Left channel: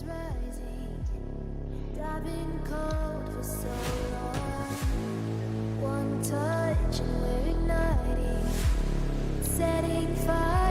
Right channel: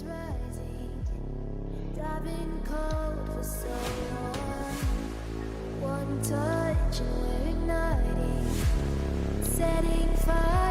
is rising. I've been cold for so long. One touch and we're igniting, setting fire.